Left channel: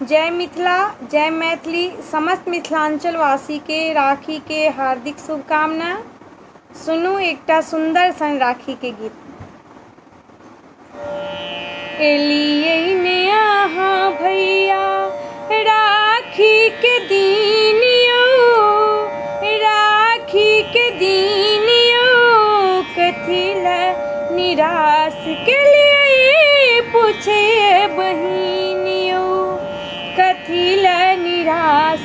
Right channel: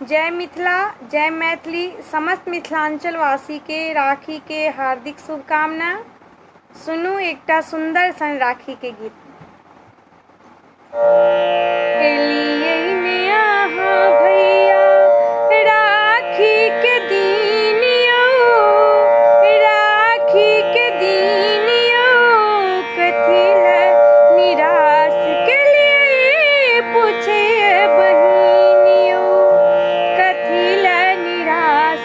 जय मिथिला, जय मैथिली। समस्त मिथिलांचल वासी के राखी के हार्दिक शुभकामना। सुनू एकटा सुंदर सन राखी के गीत। एलियै ने अहाँ भैया राखी के दिन यौ, राखी के दिन यौ, कथी ले निराश केलियै पूछे बहिन यौ, कथी ले निराश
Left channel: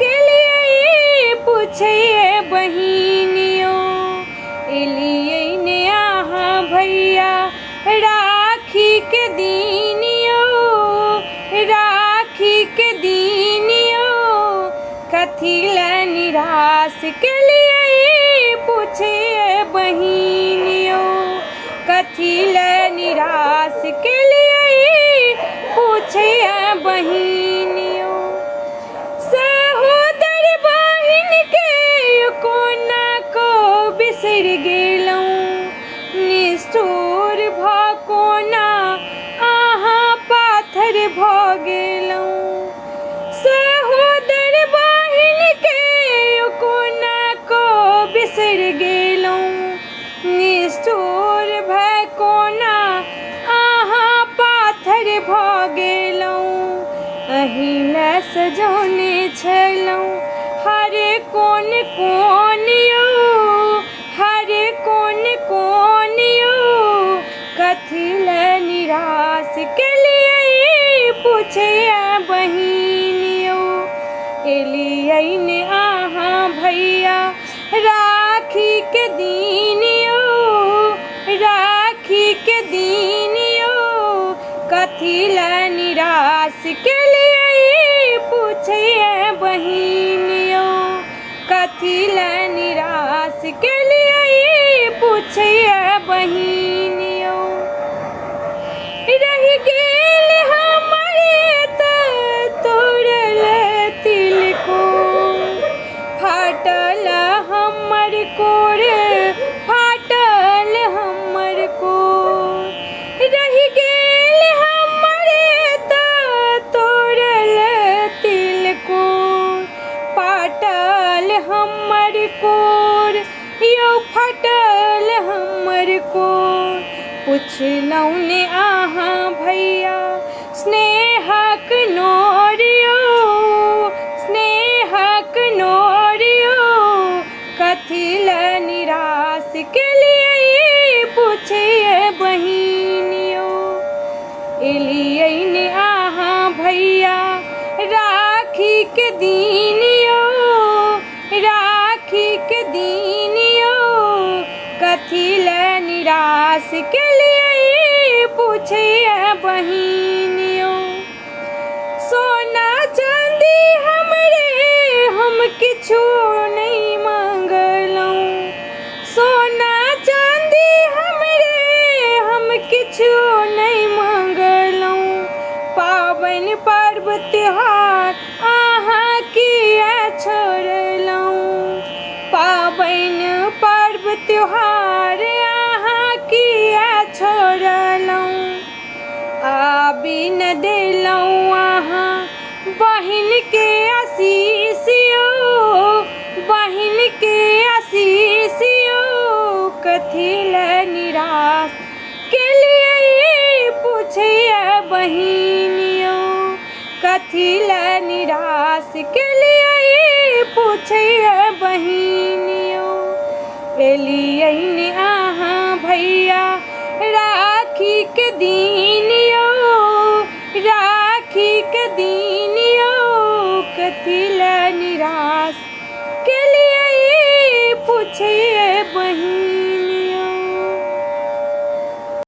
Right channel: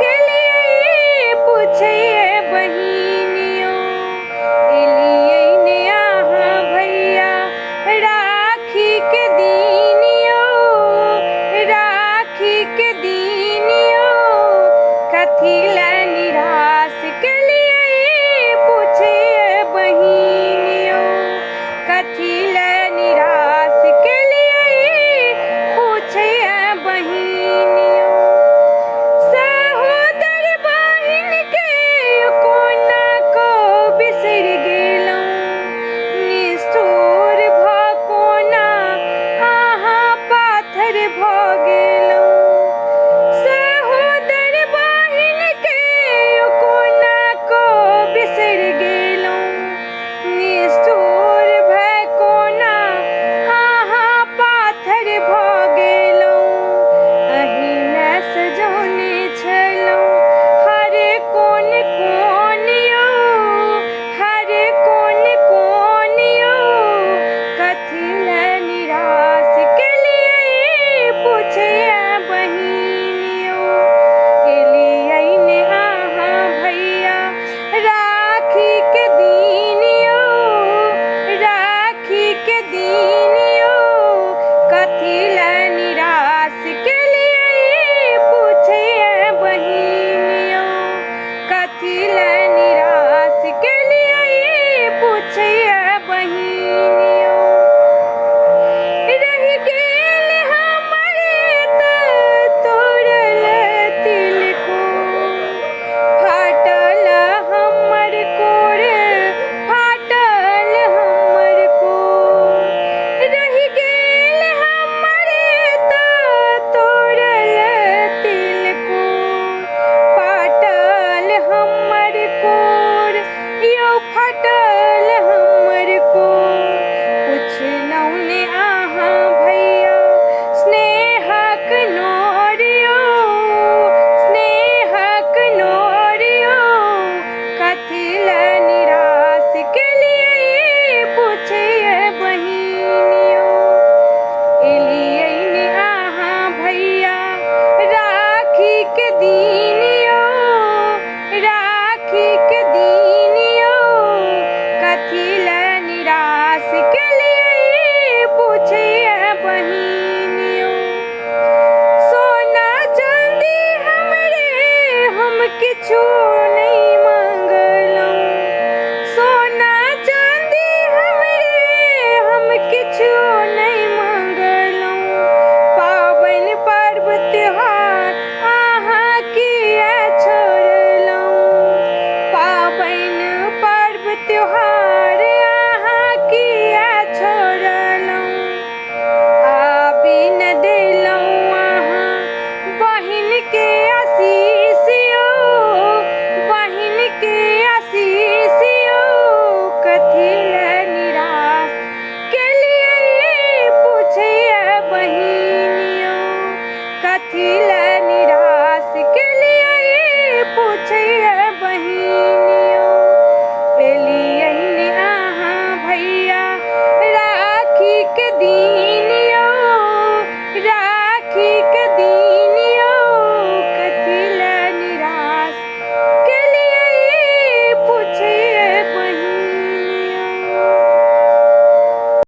केलियै पूछे बहिन यौ। एलियै ने अहाँ भैया राखी के दिन यौ, राखी के दिन यौ, कथी ले निराश केलियै पूछे बहिन यौ, कथी ले निराश केलियै पूछे बहिन यौ। सहोदर बहिन के कोना को बिसरि गेलहुँ, निष्ठुर भऽ कोना अहाँ पाथर भऽ गेलहुँ। सहोदर बहिन के कोना को बिसरि गेलहुँ, निष्ठुर भऽ कोना अहाँ पाथर भऽ गेलहुँ। अहिना सजौने छलहुँ हर कोन कोन यौ, हर कोन कोन यौ, कथी ले निराश केलियै पूछे बहिन यौ। एलियै ने अहाँ भैया राखी के दिन यौ, राखी के दिन यौ, कथी ले निराश केलियै पूछे बहिन यौ, कथी ले निराश केलियै पूछे बहिन यौ। रहि गेल हमर तऽ तोड़ल तिलकोर, फाटल हमर कोर, फाटल हमर कोर। रहि गेल हमर तऽ तोड़ल तिलकोर, फाटल हमर कोर यौ, फाटल हमर कोर। पुछलहुँ ने अहाँ भैया स्नेहक नोर यौ, स्नेहक नोर यौ, कथी ले निराश केलियै पूछे बहिन यौ। एलियै ने अहाँ भैया राखी के दिन यौ, राखी के दिन यौ, कथी ले निराश केलियै पूछे बहिन यौ। सोना चांदी हमरे हम किछु नहीं मांगलहुँ, सोना चांदी हमरे हम किछु नहीं मांगलहुँ। पाबनि पर्व त्योहार अहाँ किया छोड़लहुँ, पाबनि पर्व त्योहार अहाँ किया छोड़लहुँ। आबि न देलहुँ अहाँ बहिन के आशीष यौ, बहिन के आशीष यौ, कथी ले निराश केलियै पूछे बहिन यौ, कथी